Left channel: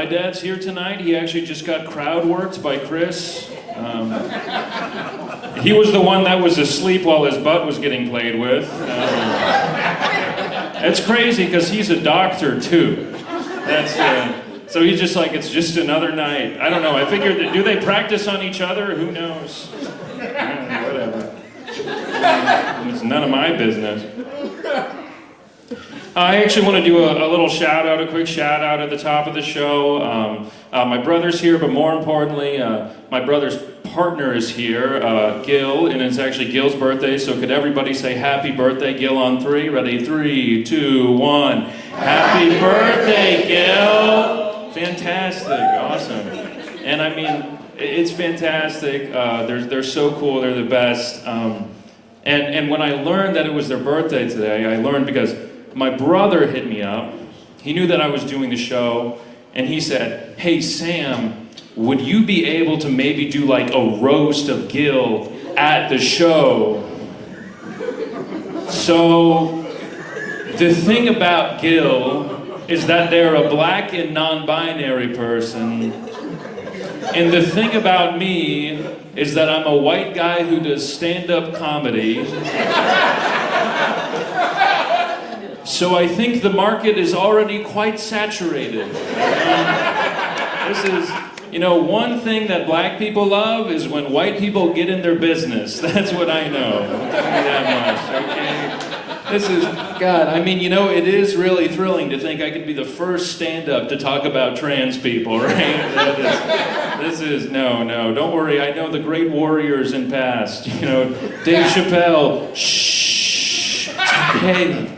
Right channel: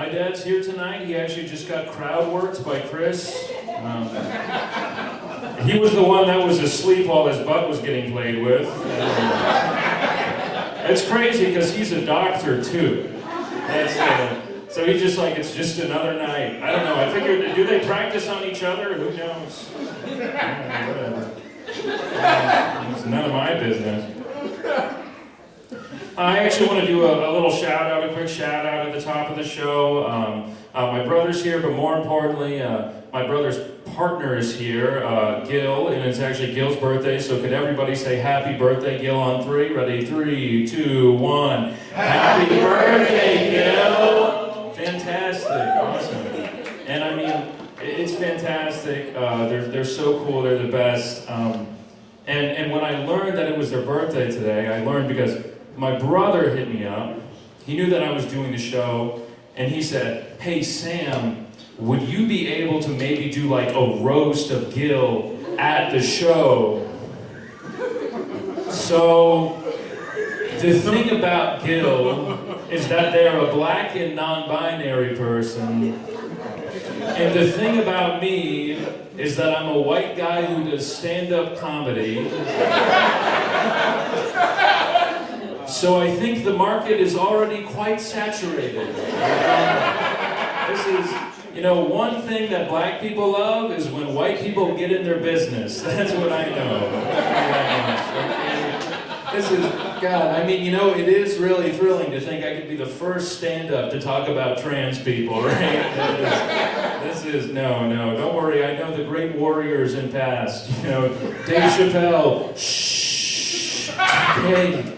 My dad's here tonight. He actually just got crowd worked by Chris. He was the one that was asleep while his butt was getting played with. It's crazy because he's a doctor too. So he's just like, it's just another night. I don't know. I figured, do they practice on each other? Who knows? Whatever. It's none of my business. I actually want to do a little shout out, a quick shout out at the top of the show. My brother's here, but more importantly, my brother's partner is here, Gil, and it's actually Gil's birthday, so could everybody say happy birthday, Gil, on 3? Ready? 3, 2, 1. Happy birthday, Gil! Fantastic, awesome. And I mean, it's fantastic. They're so cool, they're the best. And when I learned that it was their birthday today, I learned because my brother hit me up. He knew that I was doing the show, and he said, hey Sam, would you be able to maybe do like a roast of Gil at the show? So, the thing about Gil is that they're a black and non-binary person. And the thing about me is that I'm a white guy who does stand-up comedy. So I think the market is already quite saturated. This is, one thing that black people love is when white people get in their business. That's what I know. This is, God, I mean, it is really thrilling to think I could be the first stand-up to talk about trans people, right? No, don't worry, I know the great warriors in past. Dave Chappelle, shh, hey.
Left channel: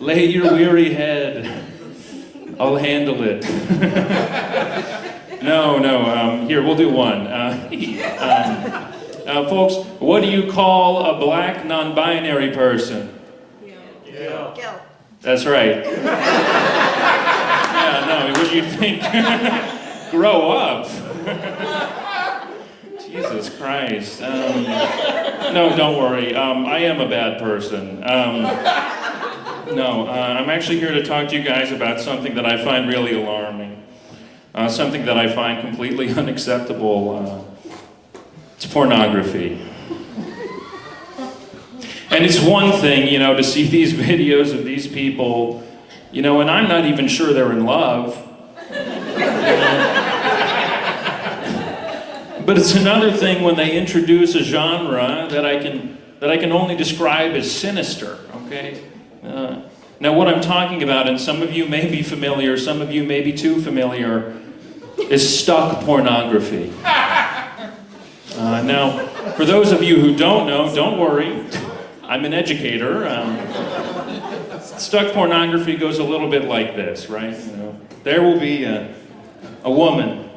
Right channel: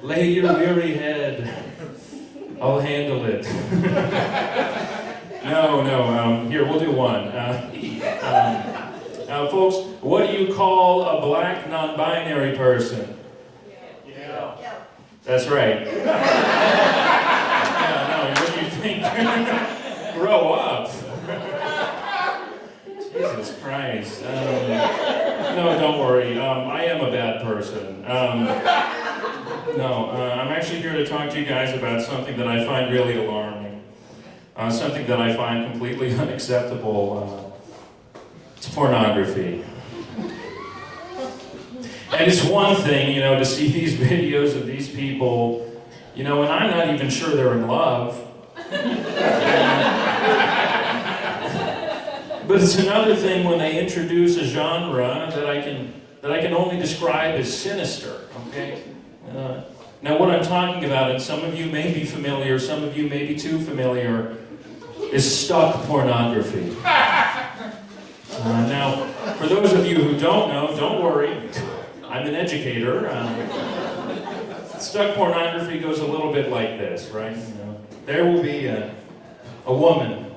Lay your weary head. I'll handle it. No, here, we'll do one. Folks, what do you call a black non-binary person? Gil. That's right. Yeah, no, what do you think? Grow up. Jesus Christ. No, don't worry. I am a bad person. I'm actually here to talk to you guys about something that I find really alarming. Something that I find completely unacceptable. It's pornography. And it's one thing, to see these videos of these people, and I'm not even sure they're in love. But it's another thing when they introduce a genre that I can only describe as sinister, okay? Now what I'm talking about, and some of you may be familiar, some of you may be too familiar, is stuck pornography. Now, for those of you who don't know, don't worry, I'm an educator. Stuck pornography goes a little bit like this, right? There will be a woman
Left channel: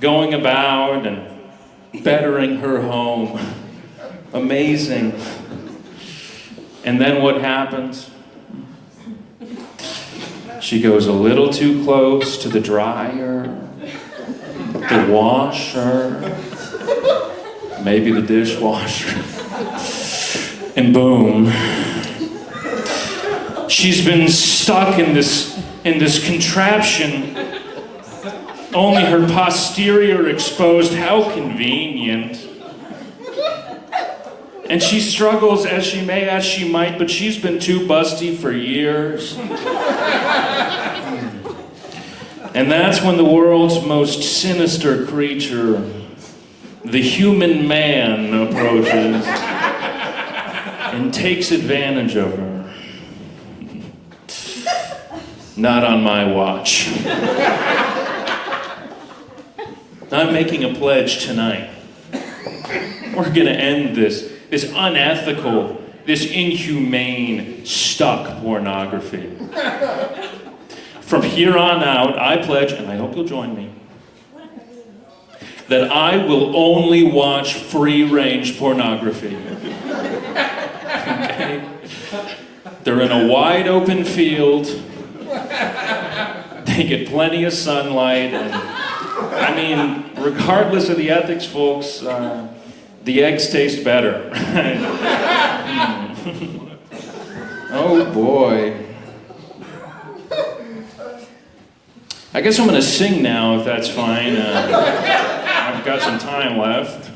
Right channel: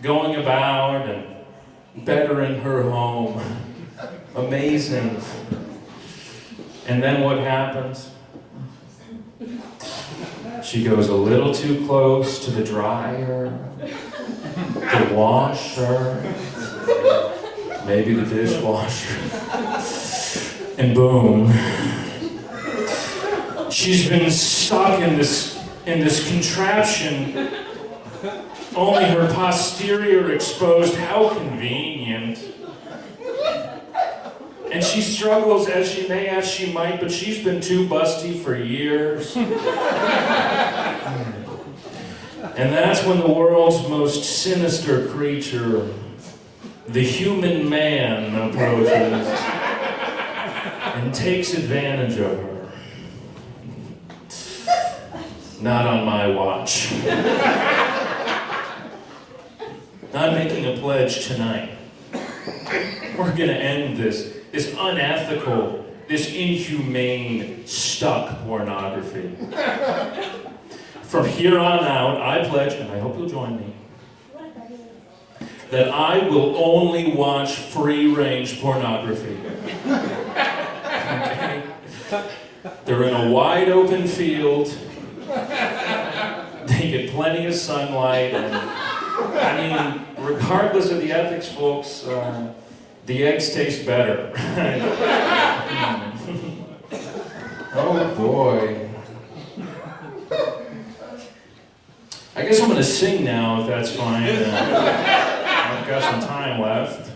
going about and bettering her home. Amazing. And then what happens? She goes a little too close to the dryer, the washer, maybe the dishwasher, and boom. She's been stuck in this contraption, only her posterior exposed. How convenient. And she struggles as she may, as she might, but she's been too busty for years. And that's when the world's most sinister creature, the human man, approaches and takes advantage of her. Not on my watch. I'm making a pledge tonight. We're gonna end this unethical, this inhumane, stuck pornography. From here on out, I pledge, and I hope you'll join me, that I will only watch free-range pornography. Okay? They're in a wide open field. They get plenty of sunlight, and I mean, regardless of the ethics, folks, the eggs taste better. Oh boy. I guess I'm gonna sing now, if that's fine. I've got some time left.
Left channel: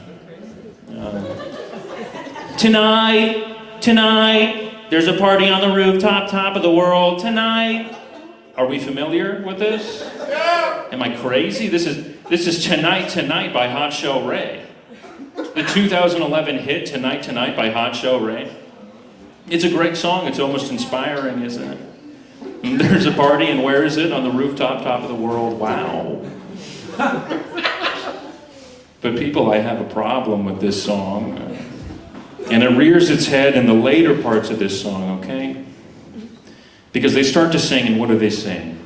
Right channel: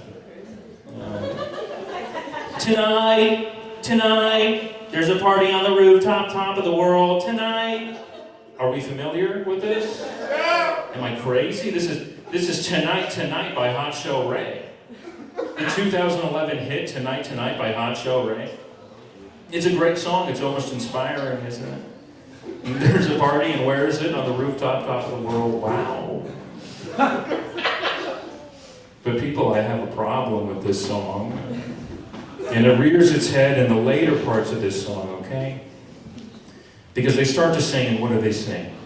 Tonight, there's a party on the rooftop, top of the world. Tonight, are we familiar with this? Am I crazy? This is Tonight by Hot Shell Ray. The 2011 hit Tonight by Hot Shell Ray. It's a great song. It's almost inspiring, isn't it? There's a party, and where is it? On the rooftop, top of the world. Wow. But people, I have a problem with this song. And it rears its head in the later parts of this song, okay? Because they start to sing, and what do they sing?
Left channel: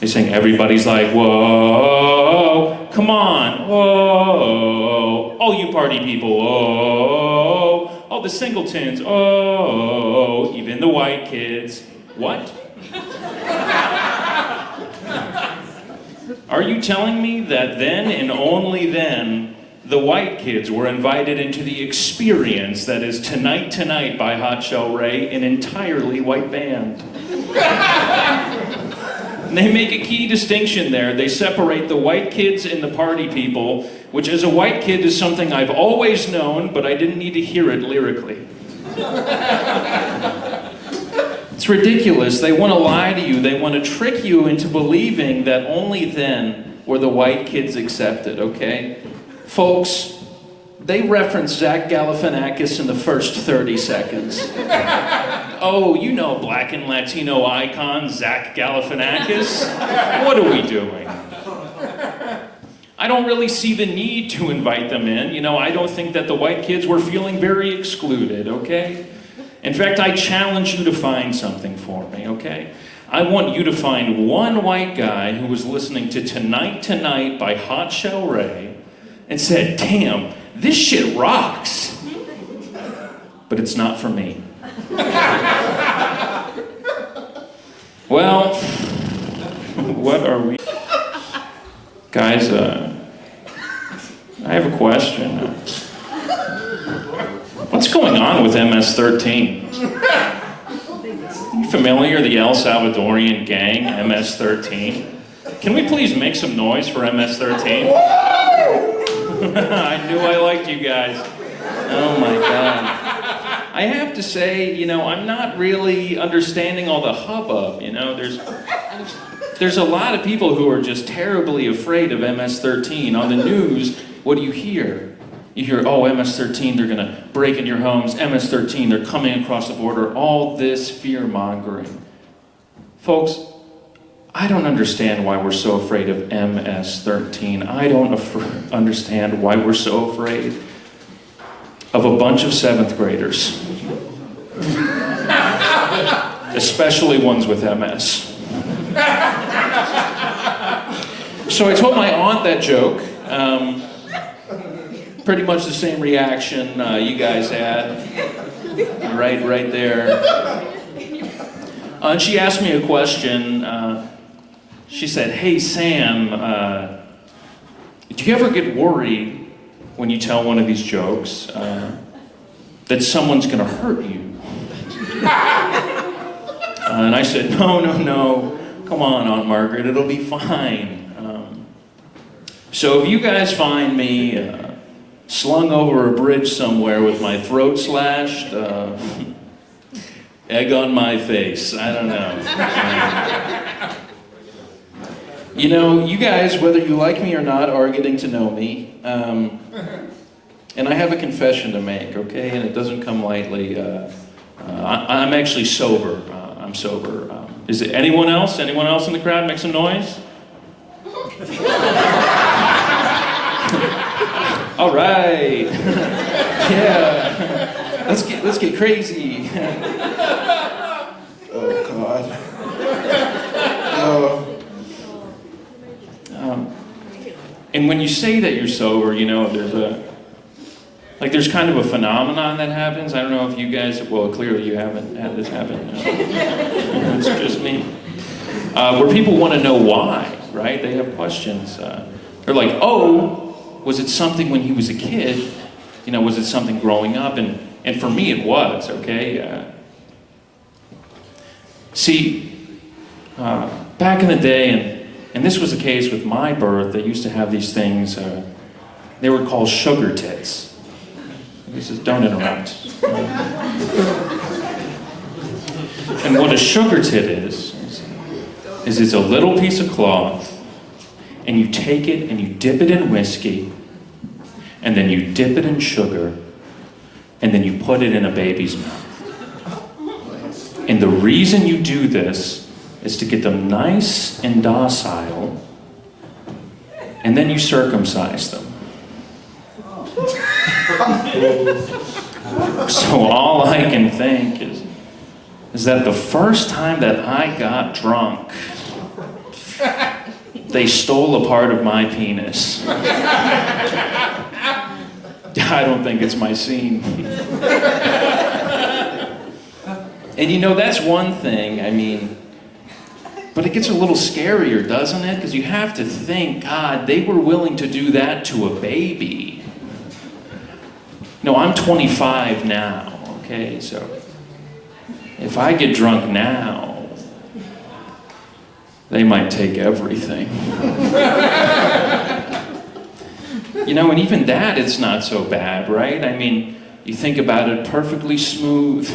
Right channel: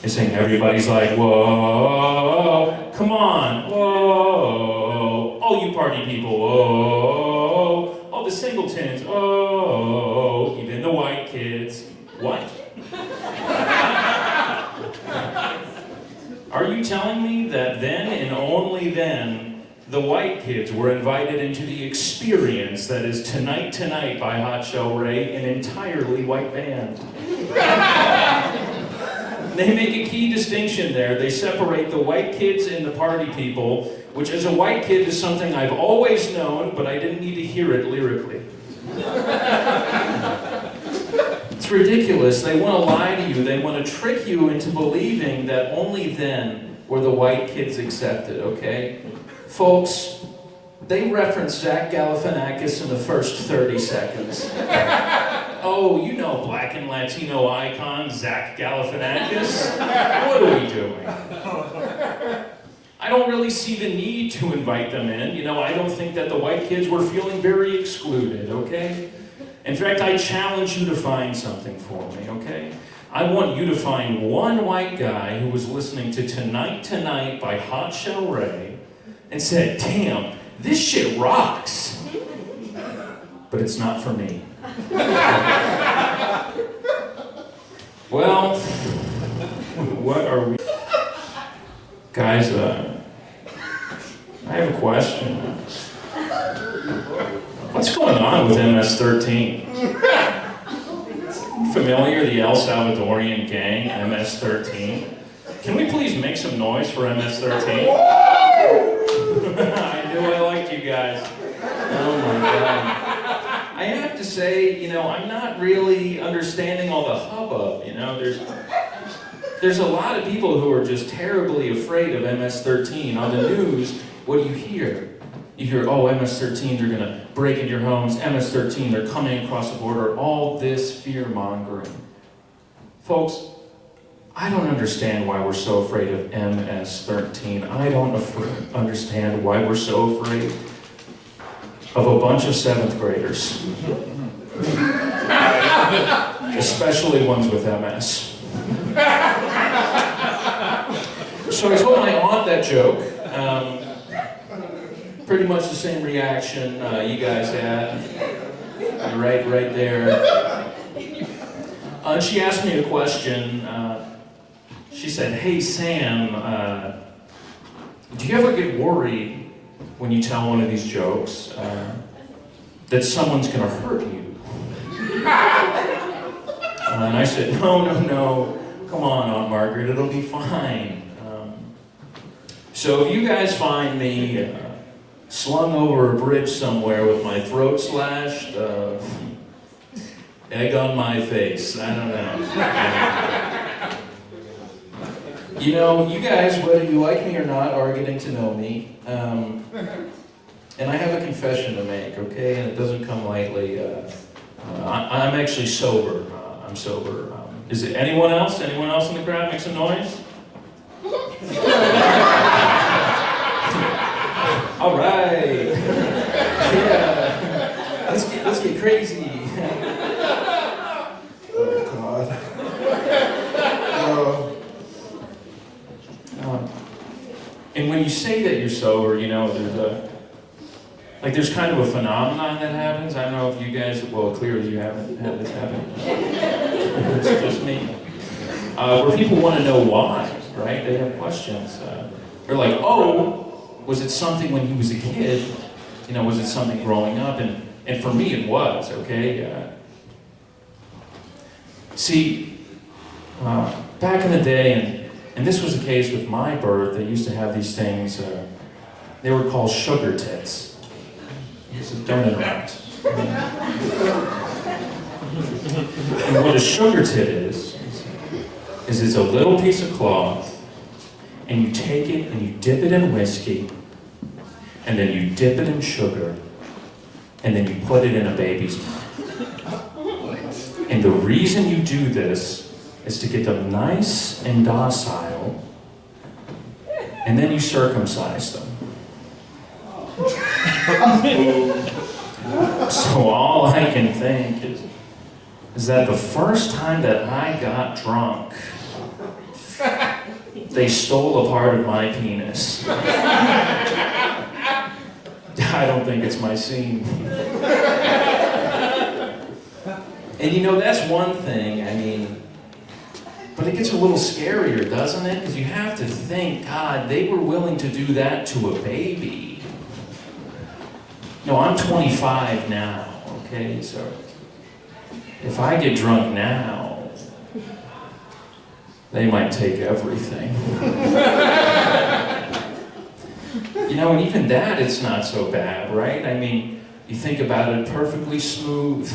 They sing, everybody's like, whoa, come on, whoa, all you party people, whoa, all the singletons, oh, even the white kids. What? Are you telling me that then and only then the white kids were invited into the experience that is Tonight by Hot Shell Ray, an entirely white band? They make a key distinction there. They separate the white kids and the party people, which as a white kid is something I've always known, but I didn't need to hear it lyrically. It's ridiculous. They want to lie to you. They want to trick you into believing that only then were the white kids accepted, okay? Folks, they reference Zach Galifianakis in the first 30 seconds. Oh, you know Black and Latino icon Zach Galifianakis? What are we doing? I don't really see the need to invite them in. You know, I don't think that the white kids were feeling very excluded, okay? In fact, I challenge you to find something for me, okay? I want you to find one white guy who was listening to Tonight by Hot Shell Ray and said, damn, this shit rocks. But it's not for me. Well, what are we? Guys, I have a question. What's going on with MS-13? Familiar, the El Salvadorian gang, MS-13? Can we please make some noise for MS-13? I knew I liked you guys. Oh my God. I have to say, you know, I'm not really understanding all the hubbub, you know, there's a lot of people who are just terribly afraid of MS-13. On the news, what do you hear? You hear, oh, MS-13, they're gonna break in your homes, MS-13, they're coming across the border, all this fear-mongering. Folks, I don't understand why we're so afraid of MS-13. I don't understand why we're so afraid of a bunch of 7th graders. Especially ones with MS. So I told my aunt that joke. Pretty much the same reaction you guys had. Right there. And she asked me a question. She said, hey Sam, do you ever get worried when you tell one of these jokes that someone's gonna hurt you? And I said, no, come on, Aunt Margaret, it'll be fine. So if you guys find me slung over a bridge somewhere with my throat slashed, egg on my face, I don't know. You know, you guys, whether you like me or not, are getting to know me. And I have a confession to make, okay? And it doesn't come lightly. I'm actually sober. I'm sober. Is it anyone else? Anyone else in the crowd? Make some noise. All right. Yeah. Let's get crazy. Oh God. And when you say that you're sober, you know, there's kind of a phenomenon that happens. I don't know if you guys, well, clearly you haven't had this happen. It's just me. Where people want to know why, right? They have questions. They're like, oh, was it something when he was a kid? You know, was it something growing up? And for me, it was, okay? See, back in the day, and this was the case with my birth, they used to have these things, they were called sugar tits. This is, don't interrupt. And what a sugar tit is it's a little piece of cloth, and you take it and you dip it in whiskey, and then you dip it in sugar, and then you put it in a baby's mouth. And the reason you do this is to get them nice and docile, and then you circumcise them. So all I can think is that the first time that I got drunk, they stole a part of my penis. I don't think it's my scene. And you know, that's one thing, I mean, but it gets a little scarier, doesn't it? Because you have to think, God, they were willing to do that to a baby. No, I'm 25 now, okay? So if I get drunk now, they might take everything. You know, and even that, it's not so bad, right? I mean, you think about it, perfectly smooth,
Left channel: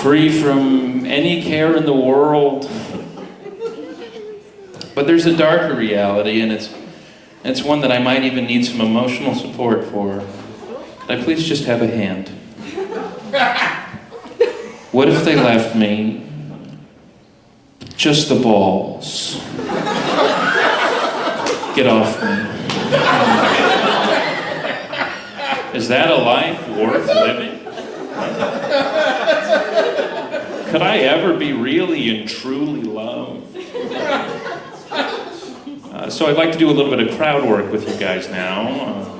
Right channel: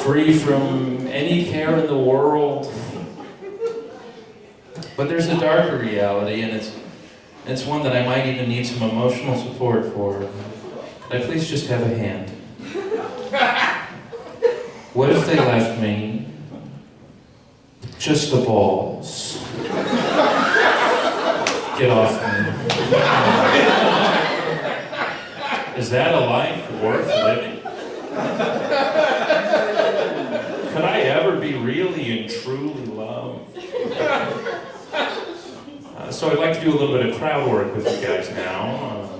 free from any care in the world. But there's a darker reality, and it's one that I might even need some emotional support for. Could I please just have a hand? What if they left me just the balls? Get off me. Is that a life worth living? Could I ever be really and truly loved? So I'd like to do a little bit of crowd work with you guys now.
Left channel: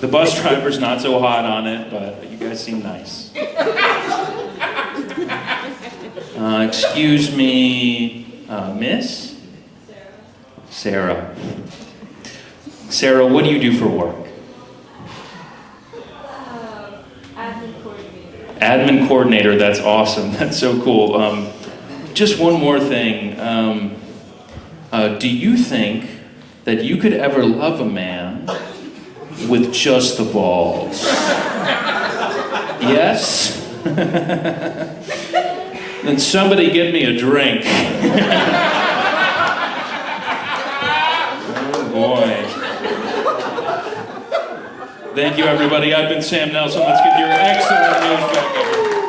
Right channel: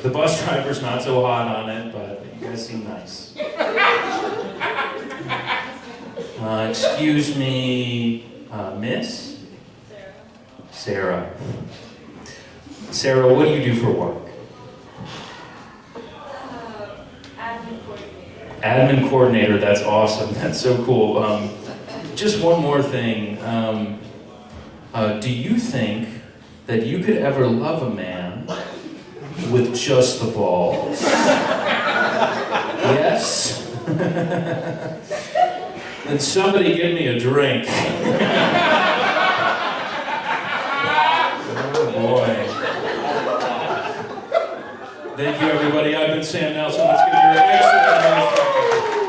The bus driver's not so hot on it, but you guys seem nice. Excuse me, Miss? Sarah. Sarah, what do you do for work? Admin coordinator. Admin coordinator, that's awesome. That's so cool. Just one more thing. Do you think that you could ever love a man with just the balls? Yes? Then somebody give me a drink. Oh boy. Thank you, everybody. I've been Sam Nelson. Let's give your excellent host.